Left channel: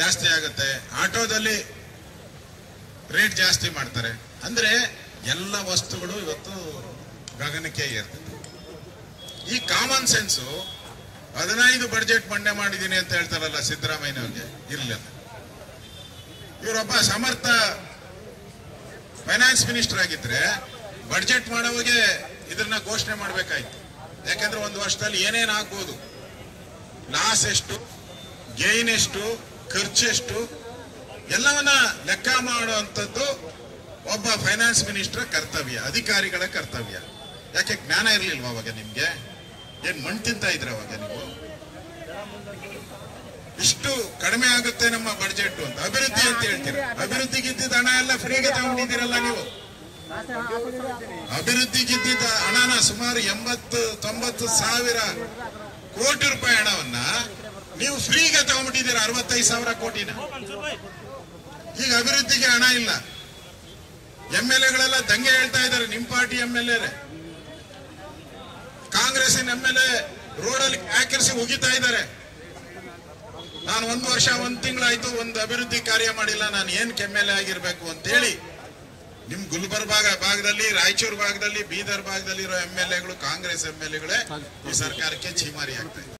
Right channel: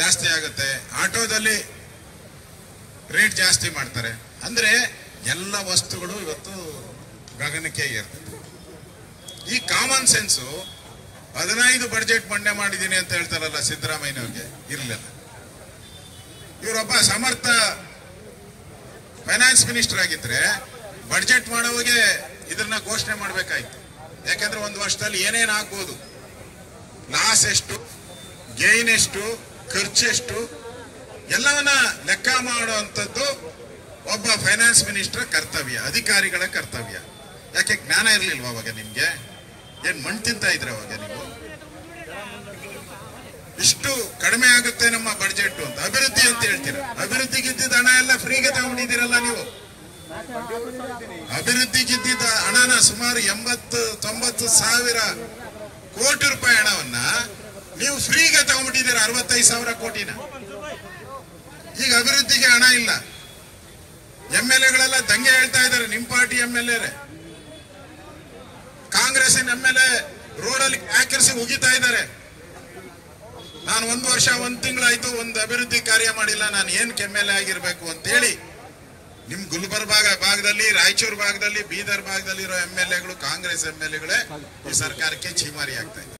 ಜಾಸ್ತಿ ಆಗುತ್ತೆ, ಆಟೋದಲ್ಲಿ ರೇಟ್ ಜಾಸ್ತಿ ಮಾಡ್ತಾರೆ. ಅಂದ್ರೆ ಎಲ್ಲ ವಸ್ತುಗಳು ಇವತ್ತು ಗಗನಕ್ಕೆ ಏರ್ತದೆ. ಈ ಕಾಮನ್ ಸೆನ್ಸು 15 ಬಡ್ಜೆಟ್ ಮಂಡನೆ ಮಾಡಿದ್ದೀನಿ ಅಂತ ಹೇಳ್ತಾರಲ್ಲ ಸಿದ್ದರಾಮಯ್ಯನವ್ರಿಗೆ ಇರಲಿಲ್ಲ. ಇವರೊಬ್ಬ ಸಮರ್ಥ ಫೈನಾನ್ಸ್ ಮಿನಿಸ್ಟರ್ ಆಗಿದ್ರೆ ಬಡ್ಜೆಟ್ ಮಾಡೋವಾಗೆ ಇದನ್ನ ಘೋಷಣೆ ಮಾಡಬೇಕಾಯ್ತು. ಯಾಕಂದ್ರೆ ಒಂದು ವರ್ಷದಲ್ಲಿ ಏನೇನ್ ಆಗ್ಬೋದು, ಲಾಸ್ ಎಷ್ಟು, ಗೇನ್ ಎಷ್ಟು, ಖರ್ಚೆಷ್ಟು ಎಲ್ಲವನ್ನ ಲೆಕ್ಕ ಮಾಡುವಂಥದ್ದು ಒಬ್ಬ ಫೈನಾನ್ಸ್ ಮಿನಿಸ್ಟರ್ ಕರ್ತವ್ಯ, ಅಧಿಕಾರಿಗಳ ಕರ್ತವ್ಯ. ಯಾಕೆ ಜ್ಞಾನ ಇರ್ಲಿಲ್ವಾ ಅವಾಗ ನಿಮ್ಗೆ? ಏನ್ ಮಣ್ಣು ತಿಂತ ಇದ್ರೆ ಅವಾಗ ನೀವು? ಇಷ್ಟು ಕಡಿಮೆ ಆಗುತ್ತೆ ನಮ್ಮ ಬಡ್ಜೆಟ್ ಅಂತ ಅಭಿವೃದ್ಧಿ ಅಂತ ಹೇಳ್ತೀರ. ಅಭಿವೃದ್ಧಿಗಿದ್ದ ಹಣ ಎಲ್ಲ ಫ್ರೀಗೆ ತಗೊಂಡಿದ್ದೀರಲ್ಲ ನೀವು. ಅಭಿವೃದ್ಧಿಗಿದ್ದ ಹಣನ ಸುಮಾರು 80-90 ಸಾವಿರ ಕೋಟಿ ರೂಪಾಯಿ ಹಣವನ್ನ ನೀವು ಫ್ರೀಗೆ ತಗೊಂಡ್ಬಿಟ್ಟಿದ್ದೀರ, 65 ಸಾವಿರ ಕೋಟಿನ. ಈಗ ಅಭಿವೃದ್ಧಿಗೆ ಹಣ ಇಲ್ಲ. MLA ದಂಗೆ ಹೇಳ್ತಾ ಇದ್ದಾರೆ, ನಿಮ್ ಪಾರ್ಟಿ MLA, ಕಾಂಗ್ರೆಸ್ಸಿನ MLA ರೋಡಲ್ಲಿ ಹಾಕಿರಿಸಿ ಉಗಿತಾ ಇದ್ದಾರೆ. ನಾನು 1 ವರ್ಷ 1 ತಿಂಗಳಾಯ್ತು, ಒಂದು ಅಭಿವೃದ್ಧಿ ಕಾರ್ಯ ಮಾಡಿಲ್ಲ, ನಾನು ಏನ್ MLA ಆಗಿರ್ಬೇಕು ಅಂತ ಹೇಳಿ ನಿಮ್ ಗುಲ್ಬರ್ಗ ಭಾಗದಲ್ಲಿ, ರಾಯಚೂರು ಭಾಗದಲ್ಲಿ, ಬೀದರ್ ಭಾಗದಲ್ಲಿ ಇರೋ MLAಗಳು ಕಾಂಗ್ರೆಸ್ MLAಗಳೇ ಈ ಸರ್ಕಾರಕ್ಕೆ ಚೀಮಾರಿ ಆಗ್ತಾ ಇದೆ.